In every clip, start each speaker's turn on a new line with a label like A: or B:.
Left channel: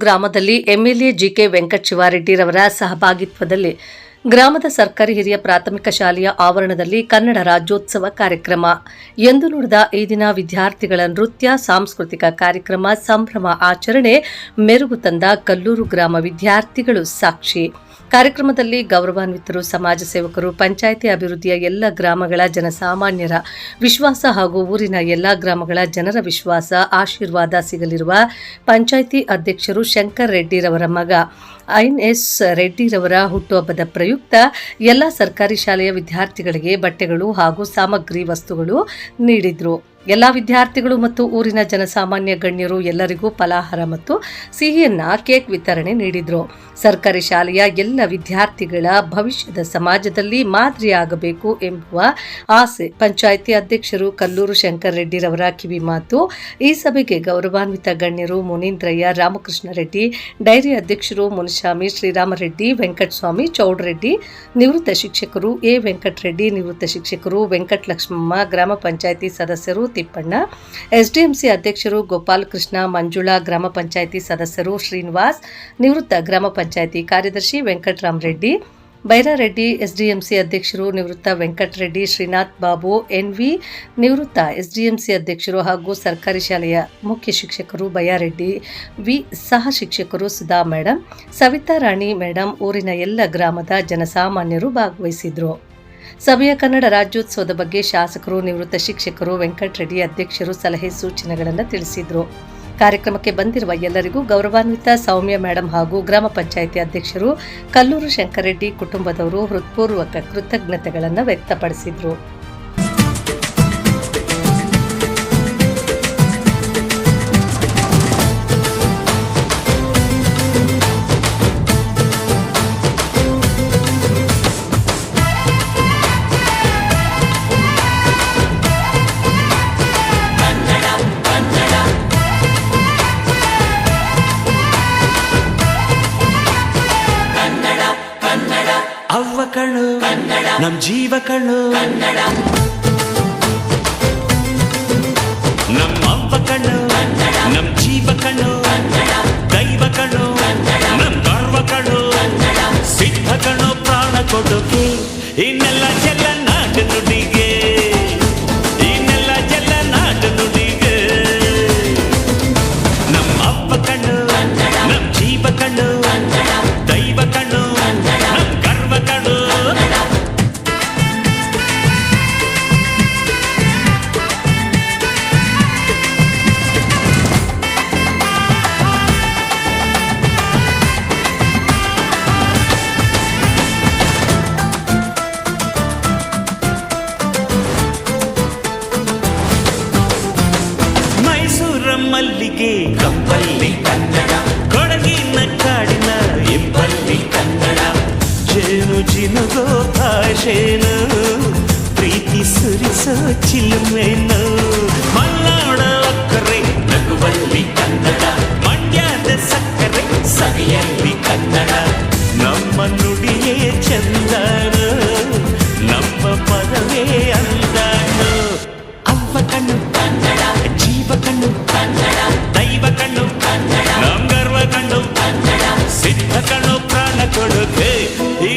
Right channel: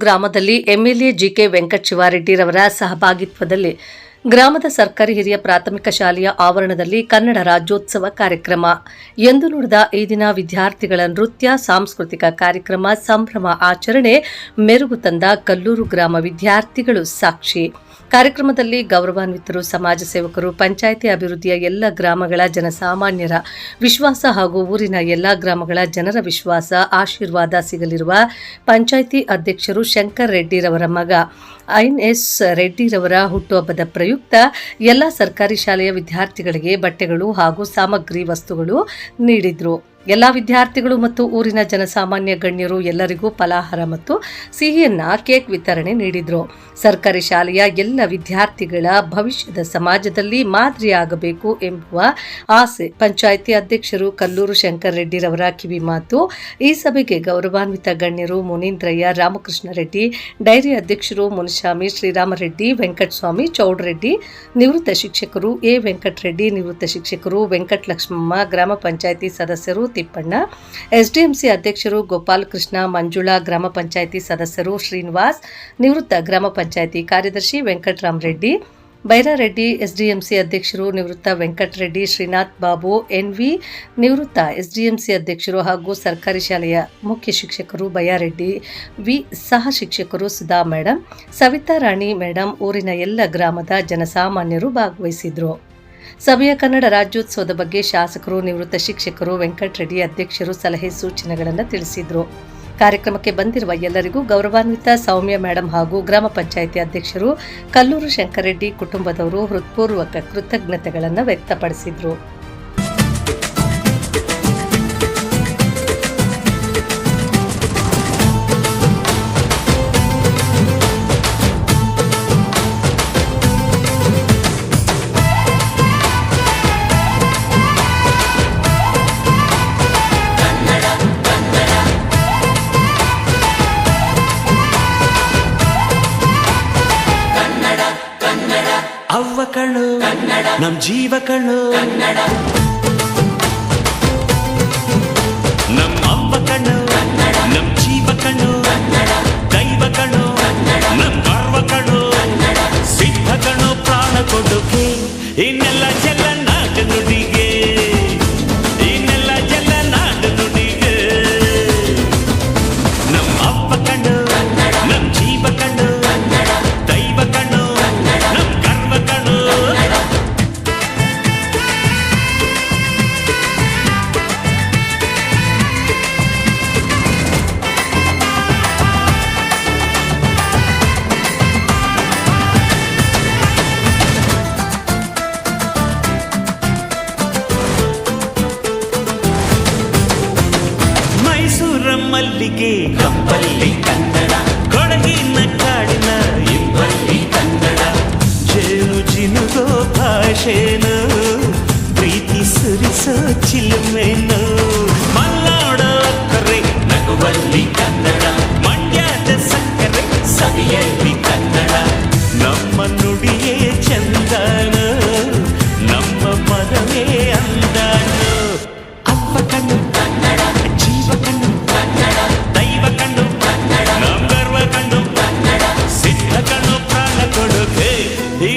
A: ಗ್ರಾಮದಲ್ಲಿ MLA GK Venkata ಶಿವಾರೆಡ್ಡಿರವರ ಸಹಭಾಗಿತ್ವದಲ್ಲಿ ಗ್ರಾಮದ ಸರ್ಕಾರಿ ಹಿರಿಯ ಪ್ರಾಥಮಿಕ ಶಾಲೆಯ ಆವರಣದಲ್ಲಿ ಕನ್ನಡ ರಾಜ್ಯೋತ್ಸವ ಕಾರ್ಯಕ್ರಮ. ಎಂದು ನುಡಿದ ಈ ದಿನ ವಿದ್ಯಾರ್ಥಿಗಳ ನೃತ್ಯ, ಸಾಂಸ್ಕೃತಿಕ ಕಾರ್ಯಕ್ರಮ, ಸಂಭ್ರಮ ಆಚರಣೆ, ಮೆರುಗು ತಂದ ಕಲ್ಲೂರು ಗ್ರಾಮ ವಿದ್ಯಾರ್ಥಿಗಳು ಸಾಕ್ಷಿ. ಕಾರ್ಯಕ್ರಮದಲ್ಲಿ ಗೌರವಾನ್ವಿತರು, ಸಮಾಜ ಸೇವಕರು, ಪಂಚಾಯಿತಿ ಅಭಿವೃದ್ಧಿಯ ಎಲ್ಲ ಗ್ರಾಮಗಳ ಜನಸಾಮಾನ್ಯರ ವಿಶ್ವಾಸ ಹಾಗೂ ಊರಿನ ಎಲ್ಲ ಗ್ರಾಮಗಳ ಜನರ ವಿಶ್ವಾಸ, ಆಶೀರ್ವಾದ ಸಿಗಲಿರುವ ಪಂಚಾಯಿತಿ ಅಧ್ಯಕ್ಷರು ಶಂಕರ್ ರೆಡ್ಡಿರವರ ಮಗ ಐನ್ ಎಸ್ ರೆಡ್ಡಿರವರ ಹುಟ್ಟುಹಬ್ಬದ ಪ್ರಯುಕ್ತ ಎಲ್ಲ ಸರ್ಕಾರಿ ಶಾಲೆಯ ವಿದ್ಯಾರ್ಥಿಗಳಿಗೆ ಬಟ್ಟೆಗಳು ಹಾಗೂ ಸಾಮಗ್ರಿ ವಸ್ತುಗಳು ನೀಡಿದ್ರು. ಎಲ್ಲ ವಿದ್ಯಾರ್ಥಿಗಳು ಮತ್ತು ಊರಿನ ಜನಸಾಮಾನ್ಯ ಗಣ್ಯರು ಎಲ್ಲರಿಗೂ ಫಲಾಹಾರ ಮತ್ತು ಸಿಹಿಯನ್ನ ಕೇಕ್ ವಿತರಣೆ ನೀಡಿದರು. ಸರ್ಕಾರಿ ಶಾಲೆಯ ಎಲ್ಲ ವಿದ್ಯಾರ್ಥಿಗಳ ಭವಿಷ್ಯದ ಸಮಾಜದಲ್ಲಿ ಮಾದರಿಯಾಗಬೇಕು ಎಂಬುವ ಆಸೆ ಪಂಚಾಯಿತಿ ಅಧ್ಯಕ್ಷರು ಕಲ್ಲೂರು ಶಂಕರ್ ರೆಡ್ಡಿರವರ ಕಿವಿ ಮಾತು. ಈ ಸಭೆಗೆ ಗೌರವಾನ್ವಿತ ಗಣ್ಯರು ಮುನೀಂದ್ರಯ್ಯ ರಾಮಕೃಷ್ಣ ರೆಡ್ಡಿ, ಡೈರಿ ಅಧ್ಯಕ್ಷರು ಮುನಿಸ್ವಾಮಿ ಶ್ರೀರಾಮರೆಡ್ಡಿ ವೆಂಕಟಸ್ವಾಮಿ ಚೌಡರೆಡ್ಡಿ, ನಿವೃತ್ತ ಶಿಕ್ಷಕರು ಎ ವೆಂಕಟರೆಡ್ಡಿ, ನಿವೃತ್ತ ಶಿಕ್ಷಕರು ವೆಂಕಟಲಕ್ಷ್ಮಮ್ಮ, ಗ್ರಾಮ ಪಂಚಾಯಿತಿ ಸದಸ್ಯರು ತಿಪ್ಪಣ್ಣ, ಎಸ್ಡಿಎಂಸಿ ಅಧ್ಯಕ್ಷರು ಗೋಪಾಲ್ ಕೃಷ್ಣ ಮಂಜುಳಾ ಗ್ರಾಮ ಪಂಚಾಯಿತಿ ಸದಸ್ಯರು ಶ್ರೀನಿವಾಸ್, ನಿವೃತ್ತ ಗ್ರಾಮ ಪಂಚಾಯಿತಿ ಕಾರ್ಯದರ್ಶಿ ವೆಂಕಟರಾಮರೆಡ್ಡಿ, ಬೈರಾರೆಡ್ಡಿ ಎಸ್ಡಿಎಂಸಿ ಅಧ್ಯಕ್ಷರು ನಿವೃತ್ತ ವೆಂಕಟರೆಡ್ಡಿ ಶ್ರೀನಾಥ್ ಬಾಬು, ಎನ್ವಿ ನಿವೃತ್ತ ಎಸ್ಡಿಎಂಸಿ ಅಧ್ಯಕ್ಷರು ಹಾಗೂ ಸರ್ಕಾರಿ ಶಾಲೆಯ ಮುಖ್ಯ ಶಿಕ್ಷಕರು ಬಯಾರೆಡ್ಡಿ, ವಿ ಸಹ ಶಿಕ್ಷಕರು ಸುಧಾ ಮೇಡಮ್ ಸವಿತಾ ರಾಣಿ ಮೇಡಮ್ ಊರಿನ ಎಲ್ಲ ಗ್ರಾಮದ ಜನಸಾಮಾನ್ಯರು ಭಾಗವಹಿಸಿದ್ರು. ಸಭೆಯ ಕನ್ನಡ ರಾಜ್ಯೋತ್ಸವದ ಬಗ್ಗೆ ಶಾಸಕರು, ನಿವೃತ್ತ ಶಿಕ್ಷಕರು ವೆಂಕಟರೆಡ್ಡಿ ಅಧ್ಯಕ್ಷರು ಸಲಹೆ ಸೂಚನೆಗಳನ್ನು ತಿಳಿಸಿದರು. ಕಾರ್ಯಕ್ರಮಕ್ಕೆ ಬಂದಿರುವ ಎಲ್ಲರಿಗೂ ಗೌರವಾನ್ವಿತ ಸೌಮ್ಯ ಮೇಡಮ್ ಹಾಗೂ ಗ್ರಾಮ ಪಂಚಾಯಿತಿ ಅಧ್ಯಕ್ಷರು ಕಲ್ಲೂರು ಶಂಕರೆಡ್ಡಿ ಕುಟುಂಬದವರು ಹೃತ್ಪೂರ್ವಕ ಕೃತಜ್ಞತೆಗಳನ್ನು ವ್ಯಕ್ತಪಡಿಸಿದರು.
B: ನಮ್ ಜೀವ ಕಣು ನಮ್ ಅವ್ವ ಕಣ್ಣು. ನಮ್ ಜೀವ ಕಣ್ಣು. ದೈವ ಕಣ್ಣು. ನಮ್ ಗರ್ವ ಕಣ್ಣು. ಸಿದ್ಧ ಕಣ್ಣು ಪ್ರಾಣ ಕೊಡುಗೆ. ಇನ್ನೆಲ್ಲ ಚೆಲ್ಲ ಮೈಸೂರ ಮಲ್ಲಿಗೆ ಕಂಪಲ್ಲಿ ಕನ್ನಡ ಕೊಡಗಿನ ಕಾಡಿನ ಇಂಪಲ್ಲಿ ಕನ್ನಡ. ಜೇನು ಜಿನುಗೋ ಭಾಷೆನು ಪ್ರೀತಿ ಸುರಿಸೋ ಚಿಲುಮೆನು. ಮಲ್ಲಾಡ ಅಕ್ಕರೆ ನಗುವಲ್ಲಿ ಕನ್ನಡ. ಮಂಡ್ಯದ ಸಕ್ಕರೆ ಸವಿಯಲ್ಲಿ ಕನ್ನಡ. ನಮ್ಮ ನುಡಿಯೇ ಚಂದನು ನಮ್ಮ ಪದವೇ ಅಂದನು. ಅವ್ವ ಕಣ್ಣು ಕನ್ನಡ. ಜೀವ ಕಣ್ಣು ಕನ್ನಡ ದೈವ ಕಣ್ಣು ನಮ್ ಗರ್ವ ಕಣ್ಣು ಸಿದ್ಧ ಕಣ್ಣು ಪ್ರಾಣ ಕೊಡುಗೆ ಈ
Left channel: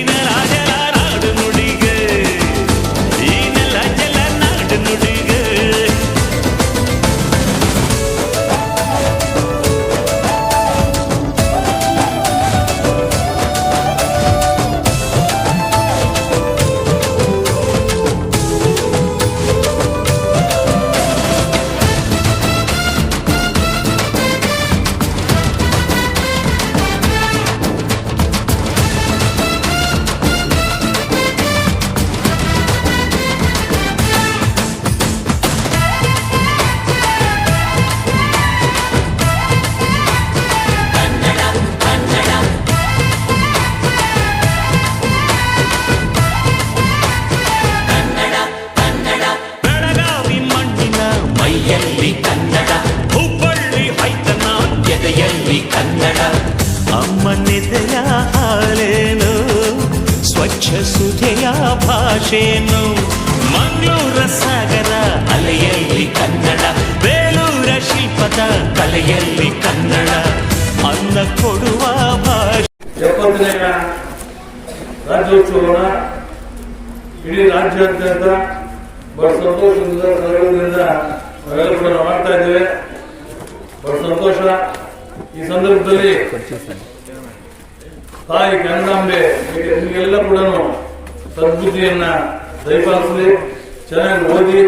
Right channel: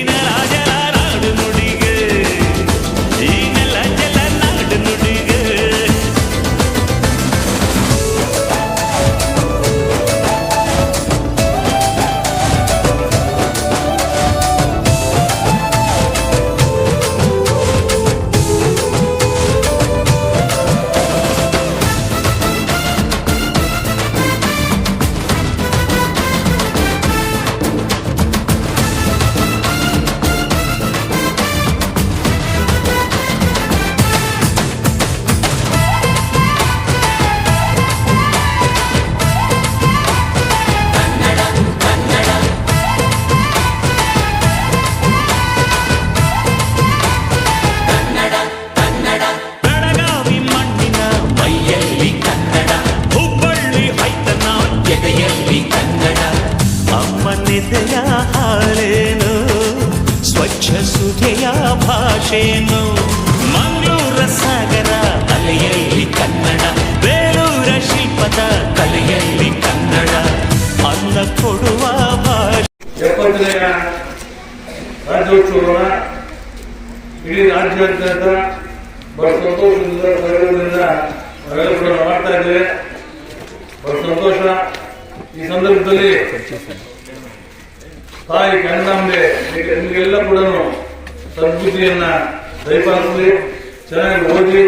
B: ಸುಧೆಯ ಭಾಷೆಯನ್ನು ಮಂಗಳೂರ ಸಾಗರ ಅಲೆಯಲ್ಲಿ ಕನ್ನಡ, ಬೇಲೂರ ಶಿಲ್ಪದ ಕಲೆಯಲ್ಲಿ ಕನ್ನಡ. ಅನ್ನ ಕೊಡುವ ಭಾಷೆ.
C: ಎಪ್ಪತ್ತನೆಯ ರಾಜ್ಯೋತ್ಸವನ ಇಡೀ ರಾಜ್ಯಾದ್ಯಂತ ಬಹಳ ಸಂತೋಷದಿಂದ ಸಂದರ್ಭದಿಂದ ನಾವೆಲ್ಲ ಕೂಡ ಮಾಡ್ತಾ ಇದ್ದೇವೆ. ಬಹಳ ಸಂತೋಷ. ಈ ಸಂದರ್ಭದಲ್ಲಿ ತಾಯಿ ಕನ್ನಡಾಂಬೆ ನಿಮಗೆಲ್ಲ ಕೂಡ ಸದ್ಬುದ್ಧಿಯನ್ನ ದಯಪಾಲಿಸಲಿ ಚೆನ್ನಾಗಿ ಓದಿ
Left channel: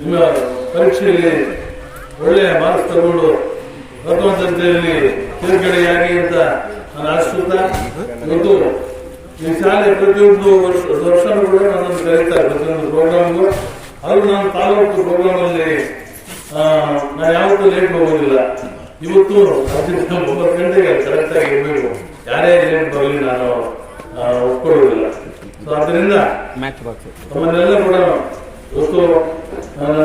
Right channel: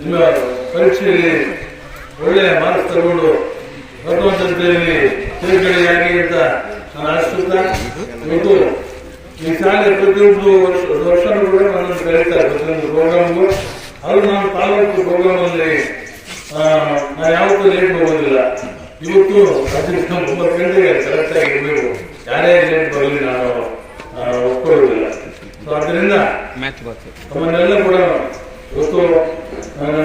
C: ನಿಮ್ಮ ಪರೀಕ್ಷೆಯಲ್ಲಿ ಒಳ್ಳೆಯ ಮಾರ್ಕ್ಸ್ ತಗೊಂಡು ಭಗವಂತಂತೆಯಲ್ಲಿ ತಿರುಗಡೆಯಾಗಿ ಅಂತ ನಾನು ಆಶಿಸುತ್ತಾ ಇವತ್ತು ಈ ಶಾಲೆ ಪ್ರತಿಯೊಂದು ವರ್ಷ, ವರ್ಷನೂ ಕೂಡ ನನ್ನನ್ನು ಕರೀತಾರೆ ಪ್ರತಿಯೊಂದು ಪ್ರೋಗ್ರಾಮ್ಗೂ ಅದು ನಾನು ತಾಲೂಕು ಪ್ರೋಗ್ರಾಮಲ್ಲಿ ನಾನು ಯಾವತ್ತೂ ಲೇಟ್ ಹೋಗೋದಿಲ್ಲ. ಇವತ್ತು ರಾಜ್ಯದ ಒಂಬತ್ತು ಗಂಟೆಗೆ ಕರೆಕ್ಟ್ ಆಗಿ ಇರಬೇಕು. ಯಾರೇ ಲೇಟ್ ಬರಲಿ ನಾನು ಒಪ್ಕೊಳ್ಳೋದಿಲ್ಲ ಸೊ ಅದರಿಂದ ತಮ್ಮನ್ನೆಲ್ಲ ಕೂಡ ಇವತ್ತು ನಾನು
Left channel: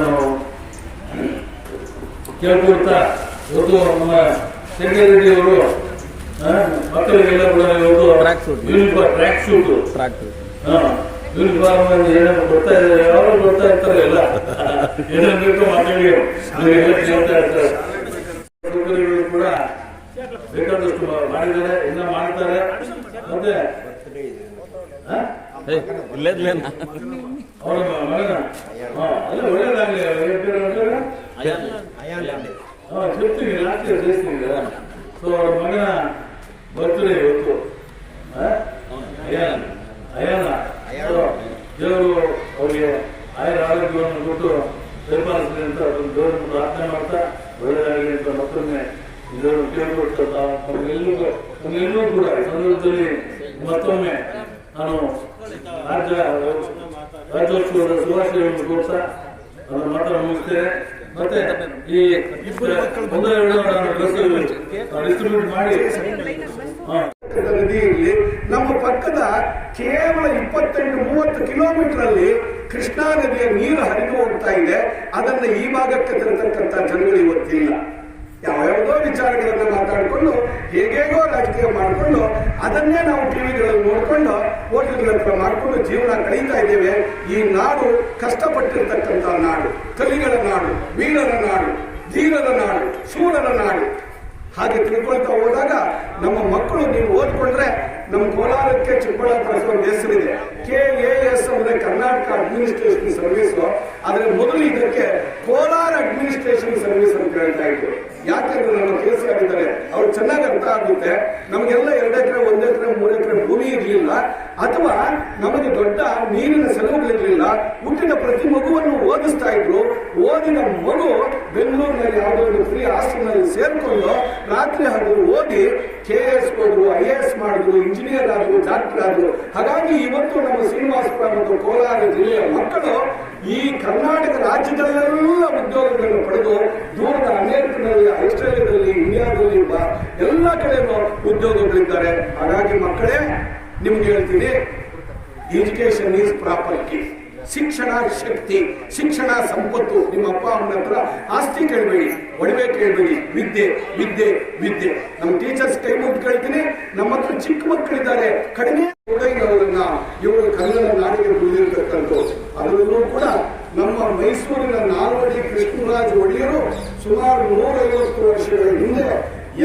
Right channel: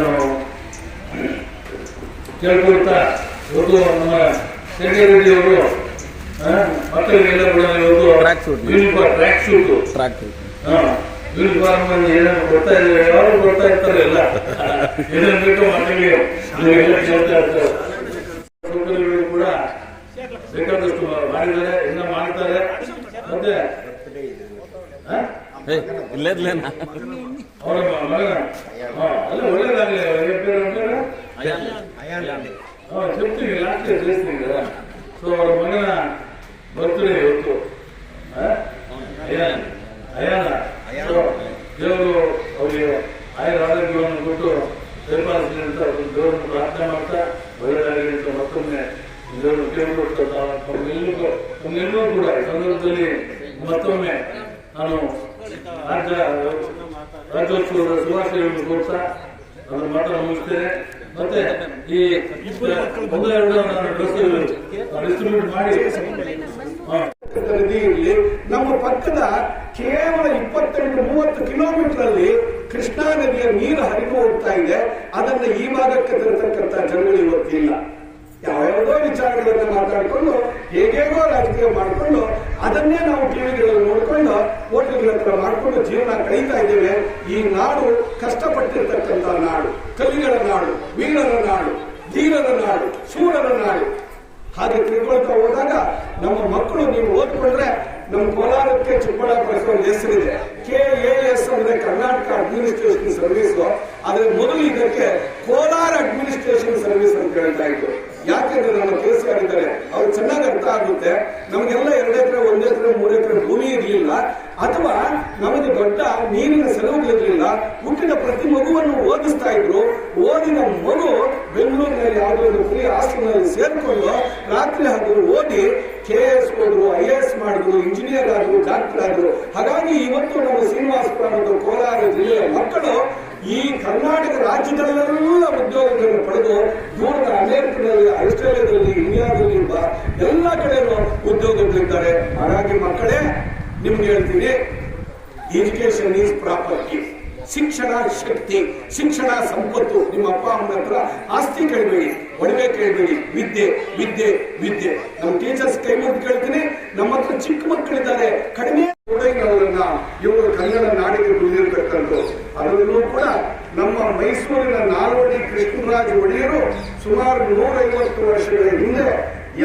C: ಕೇಳ್ಕೊಳ್ತಾ ಇವತ್ತು ನಮ್ಮ ಶಂಕರ್ ರೆಡ್ಡಿ ಅವರು ಮಕ್ಕಳಿಗೆಲ್ಲ ಕೂಡ ಇವತ್ತು ಯೂನಿಫಾರ್ಮ್ ಟ್ರ್ಯಾಕ್ ಶೂಟ್ ಯೂನಿಫಾರ್ಮ್ ಅಲ್ಲಿ ಏನೇನು ಕೊಡ್ತಾ ಇದ್ದಾರೆ ಯಾರು ಕೊಡ್ತಾ ಇರ್ತಾರೆ ಎಲ್ಲ. ಏನೇನು ಬೇಕೋ ಮಕ್ಕಳಿಗೆ ಕೇಳ್ತಾ ಇರ್ತಾರೆ. ಸೌಕರ್ಯಗಳು ಕೂಡ ಬೇಕಾದಷ್ಟು ಮಾಡಿದ್ದಾರೆ ಇನ್ನ ಮಾಡ್ತಾರೆ. ಮತ್ತೆ ಅವರ ಮಗನ? ಅಲ್ಲ ಒಳ್ಳೇದಾಗಲಿ ತೃಪ್ತಿಗೆ ಸೊ ಅವರ ಮಗನ ಬರ್ತಾರೆ ಇವತ್ತು. ಅಯಾನ ಅಯಾನ ದೇವರು ಅವರಿಗೆ ಆಯುರ ಆರೋಗ್ಯವನ್ನು ಕೊಟ್ಟು ಪರಿಪಾಲಿಸಲಿ ಅಂತ ಅವ್ರನ್ನ ದೇವರನ್ನು ಪ್ರಾರ್ಥನೆ ಮಾಡ್ತಾ ಒಳ್ಳೆಯದಾಗಲಿ ಅಂತ ಮತ್ತೊಮ್ಮೆ ದೇವರು ಕೇಳಿಕೊಡ್ತಾ ತಮಗೆಲ್ಲರೂ ಕೂಡ ಈ ಸಂದರ್ಭದಲ್ಲಿ ಮತ್ತೊಮ್ಮೆ ನಾನು ರಾಜ್ಯ ರಾಜ್ಯೋತ್ಸವದ ಶುಭಾಶಯಗಳನ್ನು ಕೋರ್ತಾ ನನ್ನ ಮಾತ್ರ ಮುಗಿಸ್ತೇನೆ. ಮತ್ತೆ ಈ ಒಂದು ಎರಡು ಡ್ರೆಸ್ ಡಿಸ್ಟ್ರಿಬ್ಯೂಟ್ ಮಾಡಿ.
D: ನಮ್ಮ ಪಕ್ಕದ ಕೇವಲ ಇಪ್ಪತ್ತೆಂಟು, ಮೂವತ್ತು ಕಿಲೋಮೀಟರ್ ಅಲ್ಲಿ ಕೃಷ್ಣಾ ನದಿಯ ನೀರು ಹರಿದು ಹೋಗ್ತಾ ಇದೆ. ಅದನ್ನ ಈ ಭಾಗಕ್ಕೆ ತರತಕ್ಕಂತ ಜನಗಳು ಇವತ್ತಿಲ್ಲ. ಯಾವ್ಯಾವುದೋ ವಿಚಾರಗಳನ್ನು ಮಾತಾಡಿಕೊಂಡು, ಹೇಗೇಗೋ ರಾಜಕೀಯ ಮಾಡಿಕೊಂಡು, ಅದನ್ನೇ ನಾವು ಟಿವಿಗಳಲ್ಲಿ ನೋಡಿಕೊಂಡು, ಹೋಟೆಲ್ಗಳ ಹತ್ರ ಮಾಡಿಕೊಂಡು ಜೀವನ ಕಳೀತಾ ಇದ್ದೇವೆ. ಈ ನಾಡು ಕಷ್ಟಪಟ್ಟಿರ್ತಕ್ಕಂಥ ನಾಡು. ಕಲಿಗಳ ನಾಡು, ವೀರರ ನಾಡು, ಧೀರರ ನಾಡು, ಶೂರರ ನಾಡು. ಹಾಗೆ ತಿಳ್ಕೊಳ್ತಾ ಹೋದಾಗ ನಮ್ಮ ಮಕ್ಕಳು ನೀವು ಓದ್ಕೊಂಡ್ರೆ ನಮ್ಮ ಕೋಲಾರಕ್ಕೆ ಚಿಕ್ಕಬಳ್ಳಾಪುರ ಹೆಸರಿದೆ. ಕೆ ಎ ಎಸ್ ಅಂದ್ರೆ ಕರ್ನಾಟಕ ಅಡ್ಮಿನಿಸ್ಟ್ರೇಷನ್ ಸರ್ವಿಸ್ ಆದ್ರೆ ಮೊದಲು ಇದಕ್ಕೆ ಕೋಲಾರ ಅಡ್ಮಿನಿಸ್ಟ್ರೇಷನ್ ಸರ್ವಿಸ್ ಅಂತ ಹೇಳ್ತಾ ಇದ್ರು. ಯಾಕೆಂದ್ರೆ ನಮ್ಮ ಕೆಲಸ ಆಗಿದ್ದಾರೆ? ಅವ್ರು ಚೆನ್ನಾಗಿ ಅರ್ಥ ಆಗುತ್ತೆ. ನಮಗೆಲ್ಲ ಎರಡು ಎಕರೆ ಒಂದು ಎಕರೆ ಮೂರು ಎಕರೆ ಭೂಮಿ ಇರಲಿಲ್ಲ. ಅಥವಾ ನಮಗೆ ದೊಡ್ಡ ನೀರಿನ ಸೆಲವುಗಳಿರಲಿಲ್ಲ ಹುಟ್ಟಿನ ಪ್ರತಿ ಮಗುವನ್ನು ಓದಿಸ್ತಾ ಇದ್ರು. ಓದಿನ ಮಗು ಬೆಂಗಳೂರಿನಲ್ಲಿ ಯಾವುದೋ ಫ್ರೀ ಆಸ್ತಿನಲ್ಲಿ ಸೇರಿಕೊಂಡು ರಾತ್ರಿ ಹಗಲು ಓದಿ ಕೆ ಎಸ್ ಹೋದ್ರು, ಐ ಎ ಎಸ್ ಮಾಡಿದ್ರು ಇಂಜಿನಿಯರ್ ಆದ್ರು ಡಾಕ್ಟರ್ ಆದ್ರು. ಹಾಗಾಗಿ ಇವತ್ತು ನಮ್ಮ ಶ್ರೀನಿವಾಸಪುರ ಮತ್ತು ಕೋಲಾರ ಜಿಲ್ಲೆಯ ಮಕ್ಕಳು ಈ ಕರ್ನಾಟಕ ರಾಜ್ಯದಲ್ಲೆಲ್ಲ ಉದ್ಯೋಗಗಳನ್ನು ಪಡೆದು ದೂರದ ಅಮೆರಿಕದಲ್ಲಿ ಆಸ್ಟ್ರೇಲಿಯಾದಲ್ಲಿ ಇಂಡಿಯಾದಲ್ಲಿ ಬ- ಎಲ್ಲ ಕಡೆನೂ ಉದ್ಯೋಗಗಳಿದ್ದಾರೆ ಹಾಗಾಗಿ ಮಕ್ಕಳೇ ನಿಮ್ಗೆ ಹೇಳ್ತೀನಿ ಎಜುಕೇಶನ್ ಈಸ್ ಪ್ರಾಪರ್ಟಿ ಶಿಕ್ಷಣ ಶಕ್ತಿ, ಶಿಕ್ಷಣ ಸಂಪತ್ತು. ನಿಮ್ಮ ಅಪ್ಪ ಅಮ್ಮನ ಹತ್ರ ಆಸ್ತಿ ಕೇಳಬೇಡಿ, ಒಡವೆ ಕೇಳಬೇಡಿ, ವಿದ್ಯೆ ವಿದ್ಯೆ ವಿದ್ಯೆ ನಮ್ಮ ಟೀಚರ್ಸ್ ಕೈ ಮುದ್ದು ಕೇಳ್ತೀನಿ ನಮ್ಮ ಹತ್ರ ಚಿಕ್ಕ ಮಕ್ಕಳಿದ್ದಾರೆ ಕಡಿಮೆ ಅವರನ್ನ ಇವರು ಕನ್ನಡ ನಾಡಿಗೆ ದುಡಿದಿರ್ತಕ್ಕಂಥ ಅದರಲ್ಲೂ ಕೂಡ ನಮ್ಮ ಮೈಸೂರಿನ ನಾಲ್ವಡಿ ಕೃಷ್ಣರಾಜ ಒಡೆಯರು ಸುಮಾರು ನೂರೈವತ್ತು ವರ್ಷಗಳ ಹಿಂದೆ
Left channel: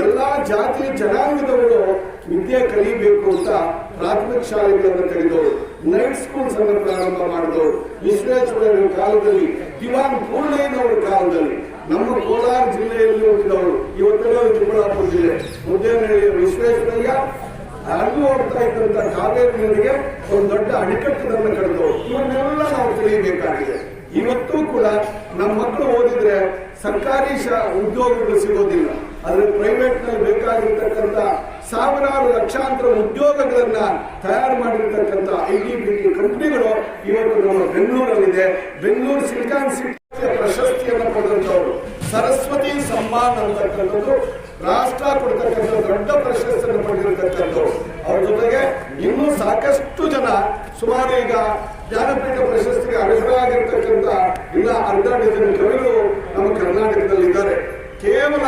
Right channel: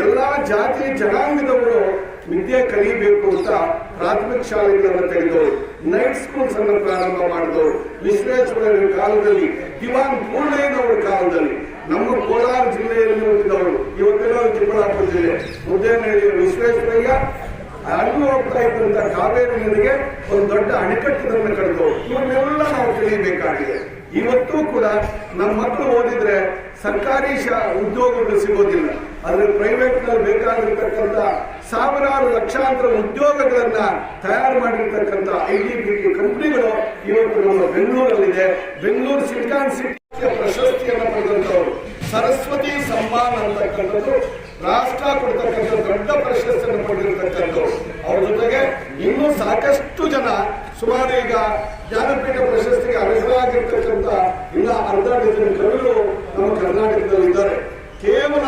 D: ಎಲ್ಲಾ ಜಾತಿ ಜನಾಂಗದವರು ವಿದ್ಯೆ ಕಲಿಬೇಕು ಅಂತ ಪ್ರಾಥಮಿಕ ಶಾಲೆಗಳನ್ನು ತೆಗೆದವರು ನೈಟ್ ಸ್ಕೂಲ್ಸ್ ಅನ್ನು ಪ್ರಾರಂಭ ಮಾಡಿದವರು ವಿಶ್ವೇಶ್ವರಯ್ಯನ ಕಾಲದಲ್ಲಿ, ದಿವಾನ್ ಪೂರ್ಣಯ್ಯನವರ ಕಾಲದಲ್ಲಿ, ನಮ್ಮ ಕೋಲಾರ ಜಿಲ್ಲೆಯಲ್ಲಿ ಹೋಗಿದ್ದವರು ಇವತ್ತೆಲ್ಲ ಚಿಕ್ಕಬಳ್ಳಾಪುರ ಜಿಲ್ಲೆ. ಮುದ್ದೇನಹಳ್ಳಿಯ ವಿಶ್ವೇಶ್ವರಯ್ಯ ಹರಿದು ಹೋಗ್ತಾ ಇದ್ದಂತ ಕಾವೇರಿ ನದಿಗೆ ಒಂದು ದೊಡ್ಡ ಅಣೆಕಟ್ಟನ್ನು ಕಳೆದವರು ಇವನ್ನೆಲ್ಲ ನಾವು ತಿಳಿಯಬೇಕಾಗಿದೆ. ಇವತ್ತೂ ಕೂಡ ನಮ್ಮ ಮಕ್ಕಳು ಓದಿದ್ರೆ ಸರ್ಕಾರಿ ಶಾ, ಉದ್ಯೋಗಗಳು ಸಿಗೋದಿಲ್ಲ. ಆದ್ರೆ ಪ್ರೈವೇಟ್ನಲ್ಲಿ ಬೇಕಾಗಿರ್ತಕ್ಕಂಥ ಸಾವಿರಾರು ಲಕ್ಷಾಂತರ ಉದ್ಯೋಗಗಳನ್ನ ತಯಾರು ಮಾಡಿರ್ತಕ್ಕಂಥ ಐ ಟಿ ಬಿ ಕಂಪನಿಗಳು ಇವತ್ತು ನಮ್ಮ ಬೆಂಗಳೂರಲ್ಲಿದೆ. ಬೆಂಗಳೂರು ಸಿಲಿಕಾನ್ ಸಿಟಿ ಪ್ರಶಸ್ತಿಯನ್ನು ಪಡೆದಂತವರು ಸರಸ್ವತಿ ಸಮ್ಮಾನ್ ಅಂತಕ್ಕಂಥದ್ದು ರಾಷ್ಟ್ರ ಕೊಡ್ತಕ್ಕಂಥ ದೊಡ್ಡ ಪ್ರಶಸ್ತಿಯನ್ನು ಪಡೆದಿರತಕ್ಕಂಥವ್ರು. ಅವ್ರ ಜೊತೆಗೆ ಇನ್ನೂ ಸಾಕಷ್ಟು ಜನ ಸುಮಾರು ಈಗ ಜ್ಞಾನಪೀಠ ಪ್ರಶಸ್ತಿಗೆ ಅರ್ಹರಾಗಿರ್ತಕ್ಕಂಥ ಇಲ್ಲ, ಅರ್ಧ ಡಜನ್ ಕವಿಗಳು ನಮ್ಮ ಕರ್ನಾಟಕದಲ್ಲಿದ್ದಾರೆ. ಕೇವಲ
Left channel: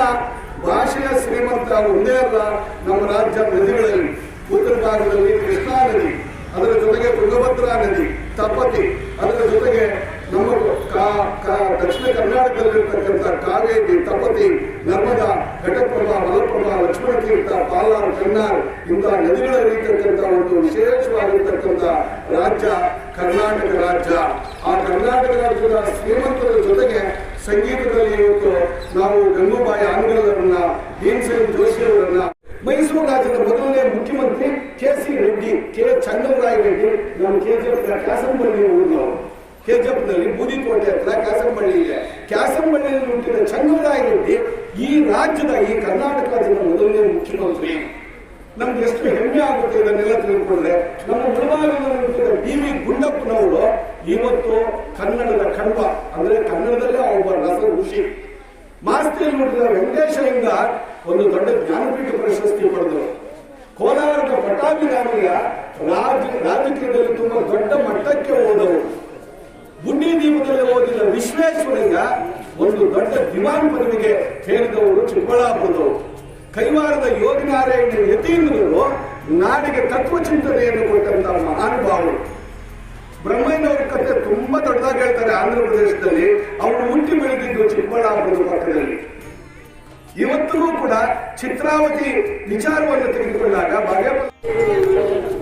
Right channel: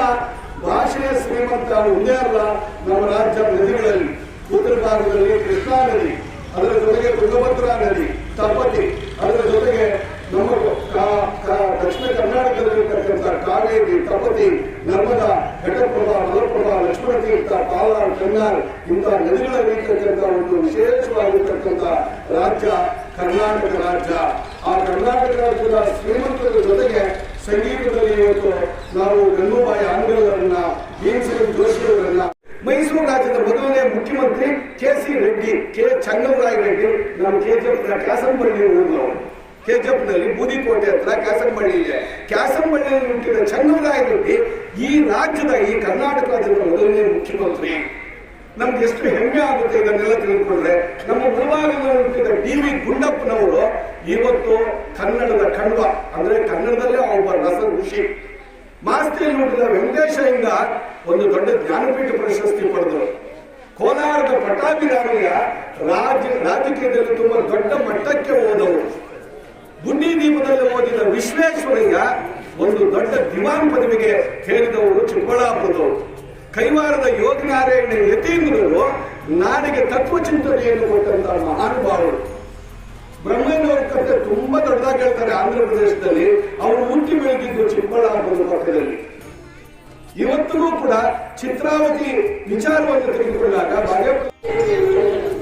D: ಭಾಷೆಯ ಶ್ರೀಮಂತ ಒಂದೇ ಅಲ್ಲ, ನಮ್ಮ ರಾಜ್ಯ ನದಿಗಳಲ್ಲಿ, ಉತ್ತರ ಭಾಗದಲ್ಲಿ ಕೃಷ್ಣಾ ನದಿ, ಅದರ ಜೊತೆಗೆ ತುಂಗಭದ್ರಾ ನದಿ ತಪತಿ ಅದರ ಜೊತೆಗೆ ನಮ್ಮ ದಕ್ಷಿಣ ಕರ್ನಾಟಕದಲ್ಲಿರ್ತಕ್ಕಂಥ ಕಾವೇರಿ ತಪತಿ ನರ್ಮದಾ, ಘಟಪ್ರಭಾ, ಮಲಪ್ರಭಾ ಲಕ್ಷ್ಮಣ ತೀರ್ಥ ಪಾಲಾರ್, ಕನ್ನಾರ್ ಇಂತಹ ನದಿಗಳಲ್ಲಿ ಇರ್ತಕ್ಕಂಥ ಒಂದು ವಿಶೇಷವಾಗಿರ್ತಕ್ಕಂಥ ರಾಜ್ಯ ಕರ್ನಾಟಕ ರಾಜ್ಯ. ಆ ಕರ್ನಾಟಕ ರಾಜ್ಯದ ಶ್ರೀಮಂತರ ಜೊತೆಗೆ ಸಂಗೀತದಲ್ಲಿ ಇವತ್ತು ನಾವು ಗಂಗೂಬಾಯಿ ಆಂಗ್ಲರನ್ನ ಭೀಮಸೇನ್ ಜೋಶಿ ಅವರನ್ನ ಮೈಸೂರು ರಾಜ್ಯದ ಮೊದಲನೇ ಮುಖ್ಯಮಂತ್ರಿ K C Reddy, K. Changamaraya Reddy, ನಮ್ಮ ಕೆಜಿಎಫ್ ಕ್ಯಾಸಂಬಳ್ಳಿ ಊರಿನವರು ಕೆಜಿಎಫ್ನಲ್ಲಿ ಬೂದಿಕೋಟೆ ಹತ್ರ ಕ್ಯಾಸಂಬಳ್ಳಿ ಇದೆ. ಕ್ಯಾಸಂಬಳ್ಳಿಯಲ್ಲಿ ಹುಟ್ಟಿದ ಚಂಗಮರಾಯ ರೆಡ್ಡಿ ಈ ರಾಜ್ಯದ, ಈ ಕರ್ನಾಟಕ ರಾಜ್ಯದ ಮೊದಲನೇ ಮುಖ್ಯಮಂತ್ರಿ. ನಮ್ಗೆ ಎಷ್ಟು ಹೆಮ್ಮೆ ಆಗುತ್ತೆ ಇದನ್ನೆಲ್ಲ ತಿಳ್ಕೊಂಡ್ರೆ, ನಮ್ಮ ಮುಳುವಾಗಿನಲ್ಲಿ ಹುಟ್ಟಿದ ಡಿ ವಿ ಗುಂಡಪ್ಪನವರು ಇವತ್ತು ಕನ್ನಡದ ಕಣ್ವ, ಅಂದ್ರೆ ಕನ್ನಡದಲ್ಲೇ ಒಬ್ಬ ರಸ ಋಷಿ. ಮಾಸ್ತಿಯಲ್ಲಿ ನೋಡಿದ ವೆಂಕಟೇಶರಿಂದ ಒಂದು ದೊಡ್ಡ ಜ್ಞಾನಪೀಠ ಪ್ರಶಸ್ತಿ ಪಡೆದರು. ಕೋಲಾರದ ಪಟ್ಟಾಭಿರಾಮಯ್ಯ ರಾಜ, ರಾಜಕೀಯದಲ್ಲಿ ತುಂಬಾ ದೊಡ್ಡ ಮಟ್ಟಕ್ಕೆ ಓದವರು ಗುಂಡಿ ದೀಪದಲ್ಲಿ ಓದಿದ ವಿಶ್ವೇಶ್ವರಯ್ಯ ಒಂದು ದೊಡ್ಡ ದಿವಾನ್ ಪದವಿಗೆ ಹೇಳಿದವರು ಚಿಕ್ಕಬಳ್ಳಾಪುರದವರು ಕೈವಾರದ ಯೋಗನಾರಾಯಣ ಯತೀಂದ್ರರು ನಾಡಿಗೆ ತತ್ವ ಚಿಂತನೆಯನ್ನು ಕೊಟ್ಟಂತಹ ಮಹಾನುಭಾವರು. ಬ್ರಹ್ಮಯ್ಯನವರ ಕಥೆ ತುಂಬಾ ದೊಡ್ಡದಾಗಿ ಹೇಳ್ತಾರೆ ಆಂಧ್ರ ಪ್ರದೇಶದಲ್ಲಿ. ಅವರು ಮುಂಚೆ ಬೆಳೆದಿದ್ದು ಚಿಕ್ಕಬಳ್ಳಾಪುರದ ಪಕ್ಕದಲ್ಲಿ. ಇವತ್ತಿಗೂ ಕೂಡ ಚಿತ್ರಾವತಿ ವಿಚಾರವನ್ನು ತೆಗೆದುಕೊಂಡಾಗ ಬಾಗೇಪಲ್ಲಿ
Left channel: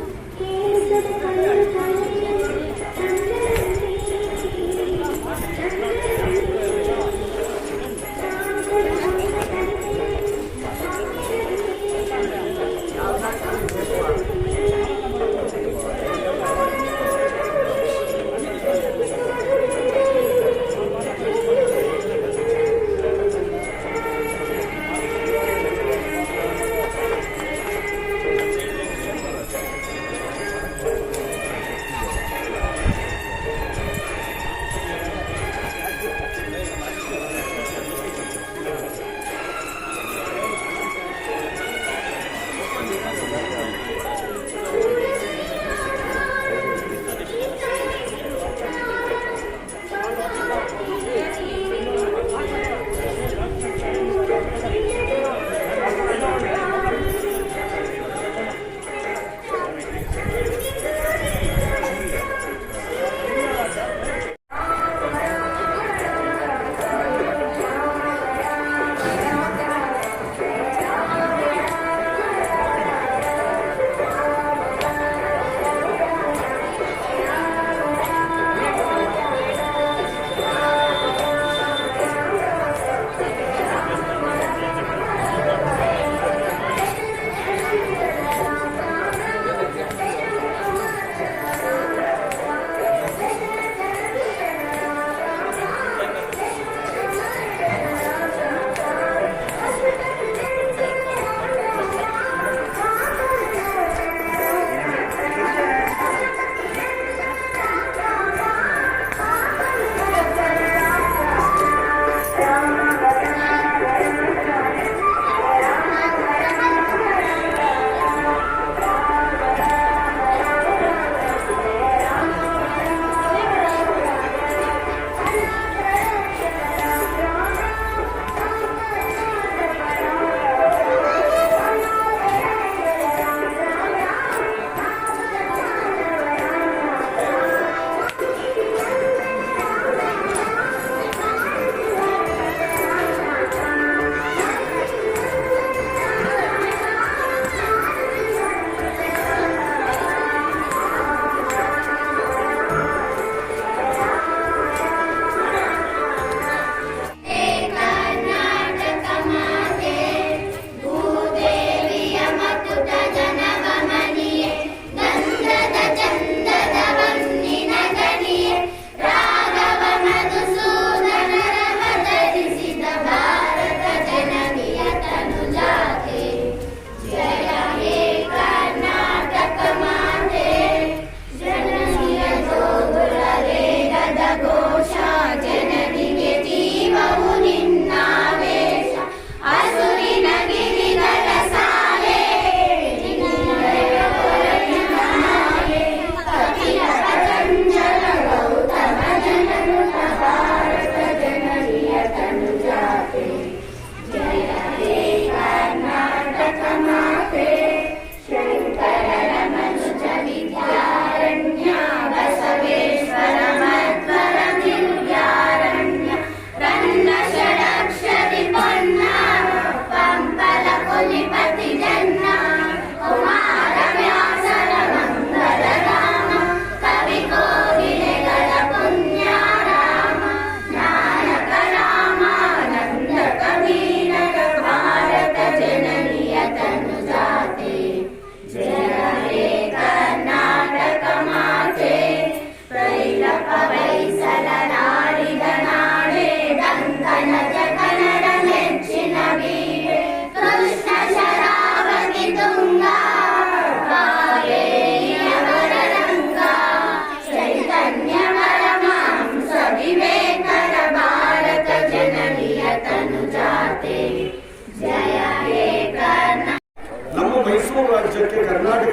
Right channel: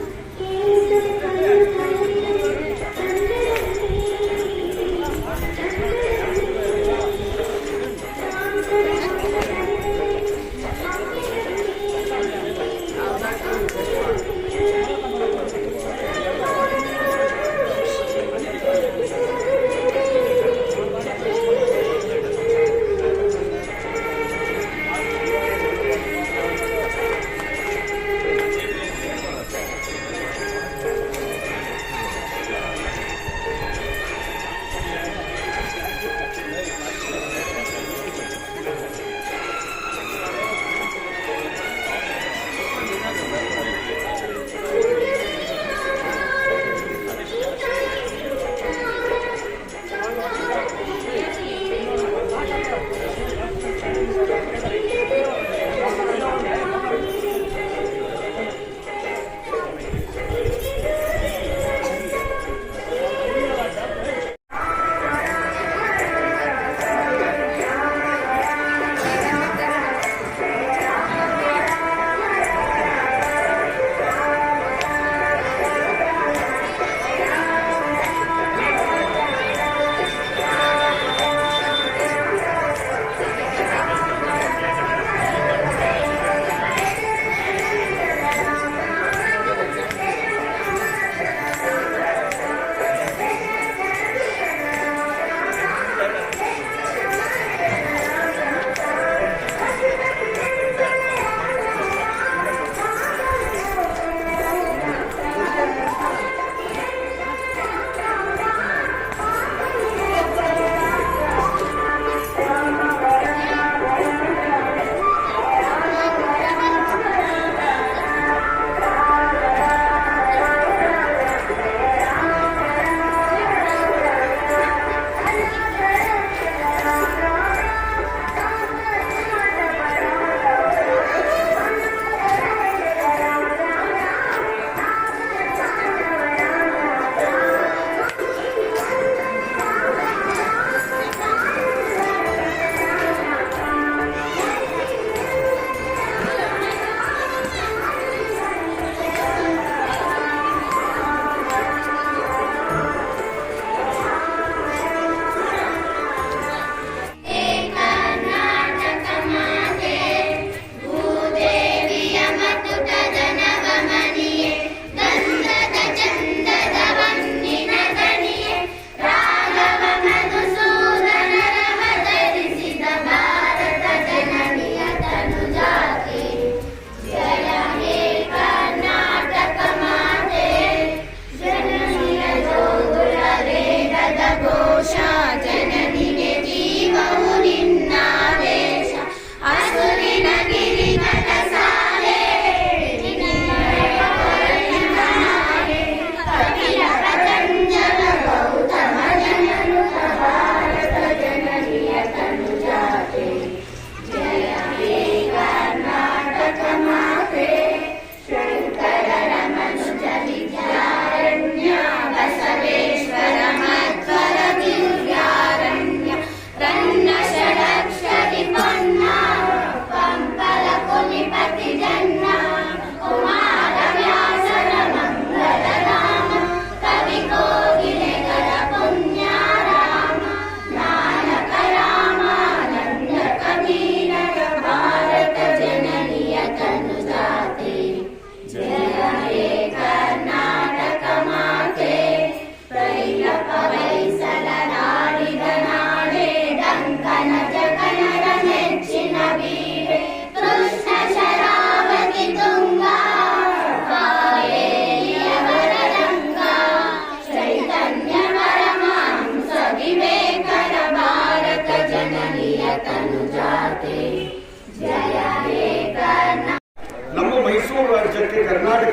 D: Amen.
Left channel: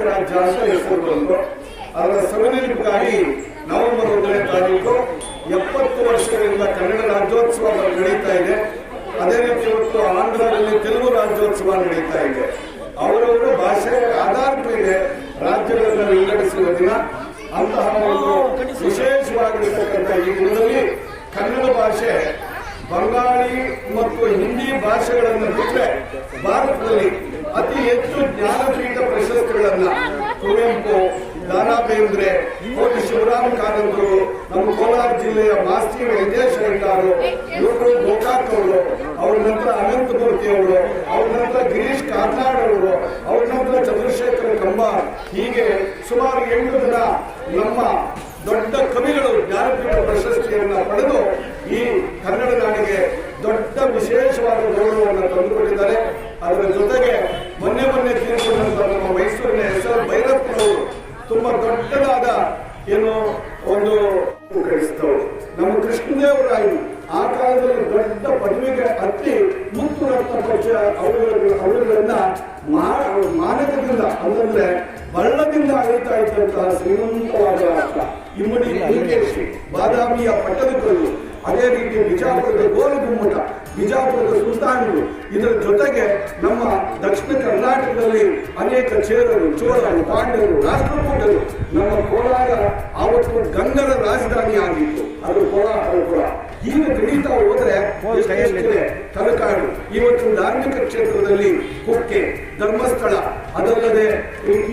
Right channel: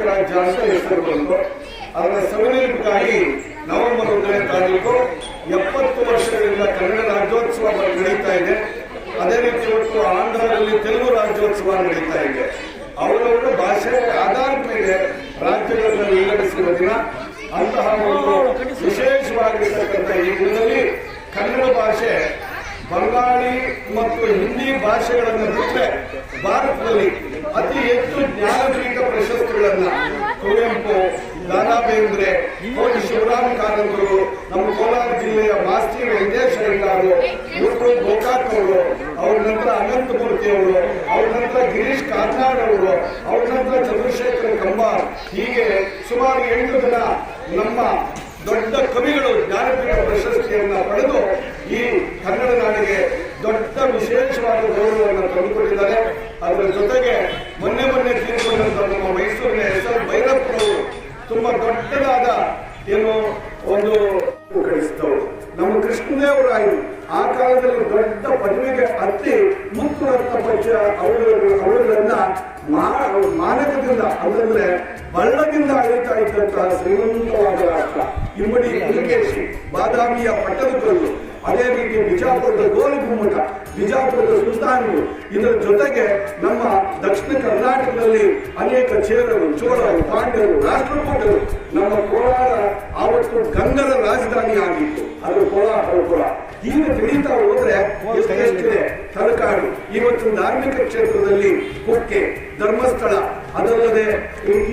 D: ರಾಜ್ಯ ಅಂತ ಹೆಸರು ಬಂತು ಅದರ ಸವಿನೆನಪಿಗಾಗಿ ನವೆಂಬರ್ ಒಂದನೇ ತಾರೀಕು ಎಪ್ಪತ್ತು ವರ್ಷಗಳಿಂದ ಕನ್ನಡ ರಾಜ್ಯೋತ್ಸವ ನಡೀತಾ ಇದೆ. ಅದೇ ರೀತಿ ಇವತ್ತು ಆಂಧ್ರದಲ್ಲಿ ತೆಲುಗು ರಾಜ್ಯೋತ್ಸವ ನಡೀತಾ ಇದೆ. ಅವರವರ ಭಾಷೆ, ಆಧಾರದ ಮೇಲೆ ರಾಜ್ಯಗಳನ್ನು ವಿಂಗಡಿಸಿದ ದಿನ. ಅಂತಹ ಒಂದು ವಿಶೇಷವಾಗಿರ್ತಕ್ಕಂಥ ಈ ದಿನದಲ್ಲಿ ಕನ್ನಡ ಭಾಷೆ, ಬಂಗಾಳಿ ಮತ್ತು ಹಿಂದಿ ಭಾಷೆಗಳನ್ನು ಬಿಟ್ಟರೆ ಭಾರತದಲ್ಲಿ ಅತಿ ಹೆಚ್ಚು ಜ್ಞಾನಪೀಠ ಪ್ರಶಸ್ತಿಗಳನ್ನ ಕುವೆಂಪು ದಾರಾ ಬೇಂದ್ರೆ ಕೋಟಿ ಶಿವರಾಮ್ ಕಾರಂತರು ನಮ್ಮ ಕೋಲಾರ ಜಿಲ್ಲೆಯ ಮಾಸ್ತಿ ವೆಂಕಟೇಶ್ ಅವರು ಇವರು ಗೋಕಾಕ್ ಅವರು, ಅವ್ರ ನಂತರ ಅನಂತಮೂರ್ತಿ ಅವರು, ಅವ್ರ ನಂತರ ಗಿರೀಶ್ ಕಾರ್ನಾಡ್ ಅವರು, ಅವ್ರ ನಂತರ ಚಂದ್ರಶೇಖರ್ ಕಂಬಾರ್. ಹೀಗೆ ಸುಮಾರು ಎಂಟು ಜನ ನಮ್ಮ ದೊಡ್ಡ ಕವಿಗಳು ಜ್ಞಾನಪೀಠ ಪ್ರಶಸ್ತಿಯನ್ನು ಪಡೆದು ಈ ಕನ್ನಡ ನಾಡಿಗೆ ದೊಡ್ಡ ವಿಶೇಷವಾದ ಗೌರವವನ್ನು ತಂದುಕೊಟ್ಟಿದ್ದಾರೆ. ಅದರ ಜೊತೆಗೆ ಮೊನ್ನೆ ಮೊನ್ನೆ ತೀರ್ಕೊಂಡಂತ ನಮ್ಮ ಮೈಸೂರಿನ ಎಸ್ ಎಲ್ ಭೈರಪ್ಪನವರು ತುಂಬಾ ದೊಡ್ಡದಾದ ಏನು ಒಂದು ಕಳಿಸಿದವರು ನಮ್ಮ ಕೃಷ್ಣದೇವರಾಯರು ಆ ಕಾಲದಲ್ಲಿ ದೊಡ್ಡ ಪದವಿಗೆ ಹತ್ತಿ ಮುಕ್ತ ಪಕ್ಷ ಅವರು ಅವರುಗಳನ್ನ ಮಾನಕದಿಂದ ಅಂದ್ರೆ ಬಳ್ಳದಿಂದ ಅಳಿತಾ ಇದ್ದಂತಹ ಶ್ರೀಮಂತವಾದ ರಾಷ್ಟ್ರ. ಇಮ್ಮಡಿ ಪುಲಿಕೇಶಿ ಬಾದಾಮಿಯ ಪಟ್ಟಣಕಲ್ಲು ಅದೇ ರೀತಿ ಬಿಜಾಪುರದ ಗೋಲು ಗುಮ್ಮಟ ಬಿಜಾಪುರದ ಸುಲ್ತಾನರು ಇದರ ಜೊತೆಗೆ ನಮ್ಮ ದಕ್ಷಿಣ ಕರ್ನಾಟಕದಲ್ಲಿ ಅನೇಕ ಚೇರರು ಚೋಳರು, ಪಾಂಡ್ಯರು ರಾಷ್ಟ್ರಕೂಟರು ನಮ್ಮ ಕೋಲಾರ, ಆವತ್ತು ಗಂಗರ ರಾಜಧಾನಿ ಆಗಿತ್ತು ಅದು ಕೋಲಾರಪುರ ಹೀಗೆ ಬೆಳೀತಾ ಹೋದ್ರೆ ತಲಕಾಡು. ಇವತ್ತು ಧಾರ್ಮಿಕ ಕ್ಷೇತ್ರದಲ್ಲಿ ಕುಕ್ಕೆ ಧರ್ಮಸ್ಥಳ ಅದಲ್ಲದೆ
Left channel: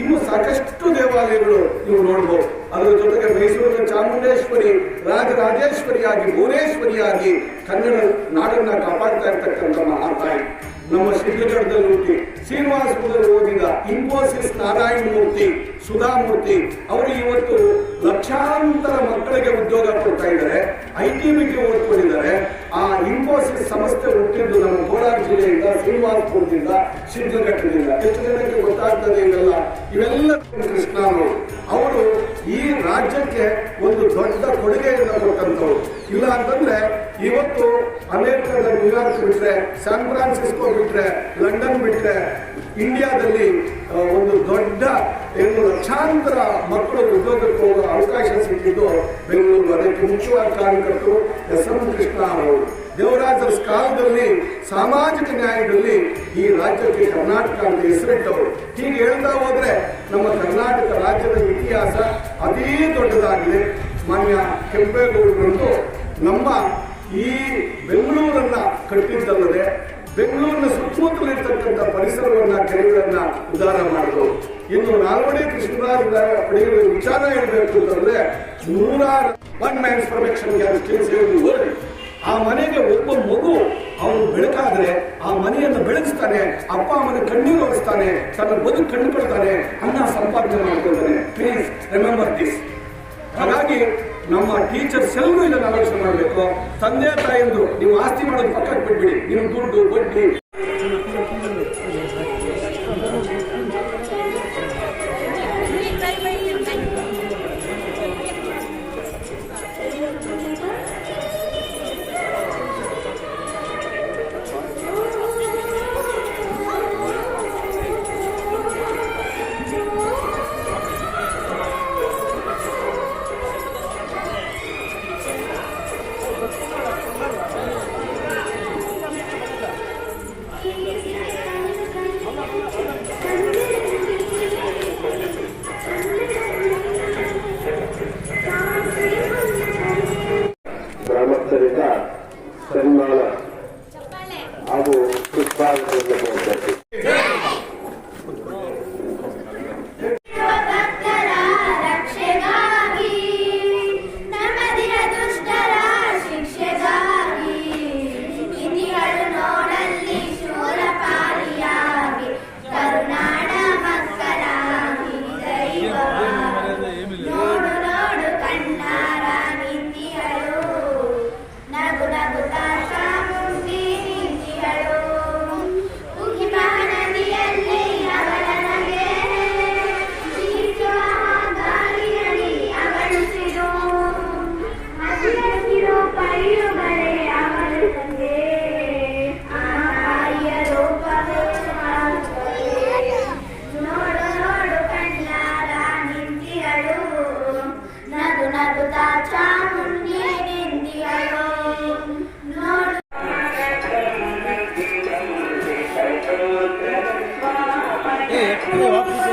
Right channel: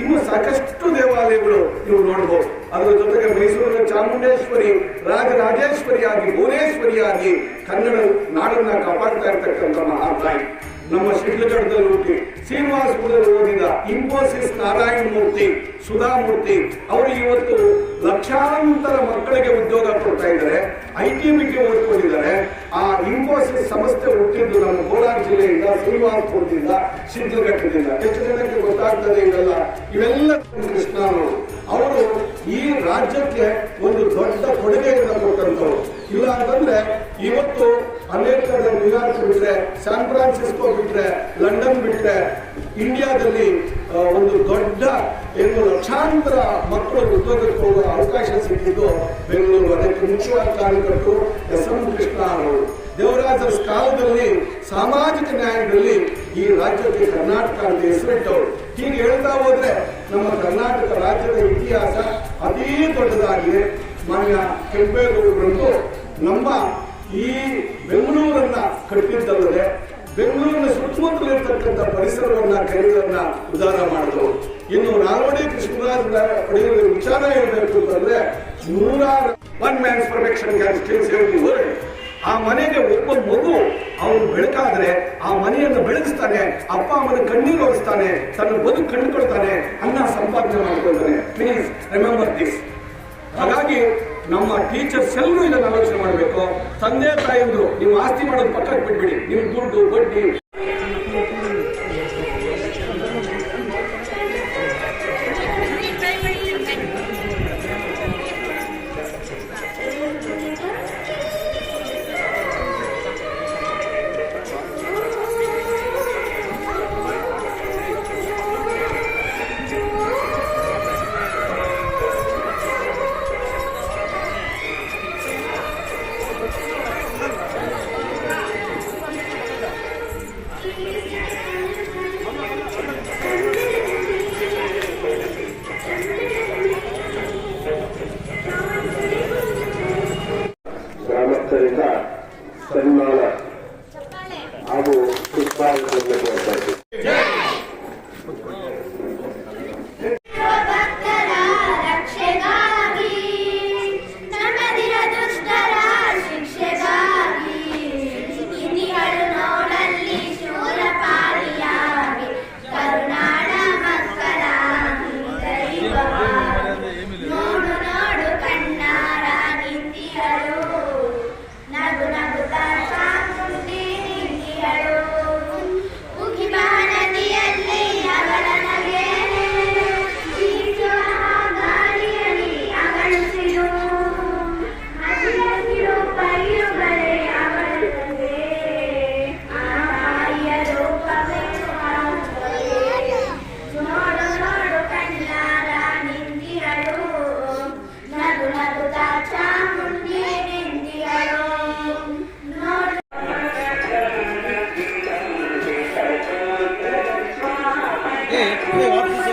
D: ಇನ್ನು ಸಾಕಷ್ಟು ದೇವಾಲಯಗಳು ನೀವು ನೋಡಬಹುದು ಅದರ ಜೊತೆಗೆ ಮೈಸೂರಿನ ಚಾಮುಂಡೇಶ್ವರಿ ರಾಜರಾಜೇಶ್ವರಿಯಾಗಿ ಭುವನೇಶ್ವರಿಯಾಗಿ ಕನ್ನಡ ನಾಡನ್ನ ಕಾಪಾಡ್ತಾ ಇರ್ತಕ್ಕಂಥ ಮಹಾತಾಯಿ. ನಮ್ಮ ಶಿಡ್ಲಘಟ್ಟದಲ್ಲಿ ಹುಟ್ಟಿ ಶ್ರೀನಿವಾಸಪುರದಲ್ಲಿ ಓದಿದ ಇನ್ಫೋಸಿಸ್ ನಾರಾಯಣ ಮೂರ್ತಿ. ಸುಧಾಮೂರ್ತಿ ಅವರು ಇವತ್ತು ಲಕ್ಷಾಂತರ ಮಕ್ಕಳಿಗೆ ಉದ್ಯೋಗ ಕೊಡ್ತಾ ಇದ್ದಾರೆ. ಐ ಟಿ ಬಿಗೆ ಓದ್ಕೊಂಡಿದ್ದಾರೆ. ಆ ಇನ್ಫೋಸಿಸ್ ಸಂಸ್ಥೆ ಹುಟ್ಟಿದ್ದು ನಮ್ಮ ಕೋಲಾರ ಜಿಲ್ಲೆಯಿಂದ ಶ್ರೀನಿವಾಸಪುರದಿಂದ ಶಿಡ್ಲಘಟ್ಟದಿಂದ ಎಷ್ಟು ಜನಕ್ಕೆ ಗೊತ್ತಾಗ್ತದೆ ಇವೆಲ್ಲ? ಇವೆಲ್ಲ ಕೃಷ್ಣ ಅವರು. ಅವರು ಈ ರಾಜ್ಯಕ್ಕೆ ಒಂದು ದೊಡ್ಡ ಕೊಡುಗೆಯನ್ನು ಕೊಟ್ಟಂತವ್ರು ಇಲ್ಲ ಅಂತಂದ್ರೆ ಇವತ್ತು ಅಮೆರಿಕದ ನ್ಯೂಯಾರ್ಕ್ ಬಿಟ್ರೆ, ಸ್ಯಾನ್ ಫ್ರಾನ್ಸಿಸ್ಕೋ ಬಿಟ್ರೆ, ಲಂಡನ್ ಬಿಟ್ರೆ, ಇಂಡಿಯಾದಲ್ಲಿ ಒಂದು ದೊಡ್ಡ ಏನು ಲಕ್ಷಾಂತರ ಮಕ್ಕಳು ಉದ್ಯೋಗಕ್ಕೆ ಹೋಗೋ ಅವಕಾಶ ಸಿಕ್ಕಿದ್ದು ಬೆಂಗಳೂರು ಅದಕ್ಕೆ ಮುಖ್ಯವಾದ ಕಾರ್ಯಕರ್ತರು ಎಸ್ ಎಂ ಕೃಷ್ಣ ಅವರು. ದೇವರಾಜರ ಕಾಲದಲ್ಲಿ ಸಾಮಾಜಿಕ ನ್ಯಾಯದಲ್ಲಿ ಈ ರಾಜ್ಯಕ್ಕೆ ಕರ್ನಾಟಕ ಅಂತ ಹೆಸರಿಟ್ಟವರು. ಹೀಗೆ ಹೇಳ್ತಾ ಹೋದ್ರೆ ನಮ್ಮ ಕರ್ನಾಟಕ ರಾಜ್ಯದ ಇತಿಹಾಸ ಅತೀ ದೊಡ್ಡದಾಗಿದೆ. ಮಾನ್ಯ ಕೆಂಪೇಗೌಡರಂತೂ ನಮ್ಮ ಈ ಬೆಂಗಳೂರನ್ನ ಕಟ್ಟಿದ್ದಲ್ಲದೆ ಬೆಂಗಳೂರಿನ ಸುತ್ತಮುತ್ತಲಿರ್ತಕ್ಕಂಥ ಪರಿಸರವನ್ನ, ಕೆರೆಗಳನ್ನ ಉದ್ಧಾರ ಮಾಡಿದ್ರು. ಇನ್ನು ನಾಲ್ವಡಿ ಕೃಷ್ಣರಾಜ ಪಡೆಯುವ ವಿಚಾರ ಹೇಳಬೇಕು ಅಂತಂದ್ರೆ ನೂರಾರು ಒನ್ ಮ್ಯಾನ್ಸ್ ಪರ್ಫೆಕ್ಷನ್ ಆ ಮನೆಗೆ ಒಬ್ಬ ಮಗು, ಅವನು ಬೆಳಕಾದ್ರೆ ಆ ಮನೆಯನ್ನು ಬೆಳೆಸ್ತಾನೆ ಅಪ್ಪ ಅಮ್ಮನ ಕಣ್ಣೀರು ಓಡಿಸ್ತಾನೆ ತನ್ನ ಬದುಕು ಕಂಡುಕೊಳ್ತಾನೆ ಅನ್ನ ಸಂಪಾದನೆ ಮಾಡ್ಕೊಳ್ತಾನೆ. ಪ್ಲೀಸ್ ರಿಮೆಂಬರ್ ದಿಸ್ ಹಾಗಾಗಿ ನಮ್ಮ ಟೀಚರ್ಸ್ ಎಲ್ಲರೂ ಇದನ್ನು ಆಲೋಚನೆ ಮಾಡಬೇಕು. ತಂದೆ ತಾಯಿಂದ್ರು, ನೀವು ಆಸ್ತಿ ಮಾಡೋದು ಪಕ್ಕಕ್ಕೆ ಬಿಟ್ಬಿಡಿ. ನಿಮ್ ದುಡ್ಡು, ಬಡ್ಡಿ ええ、これは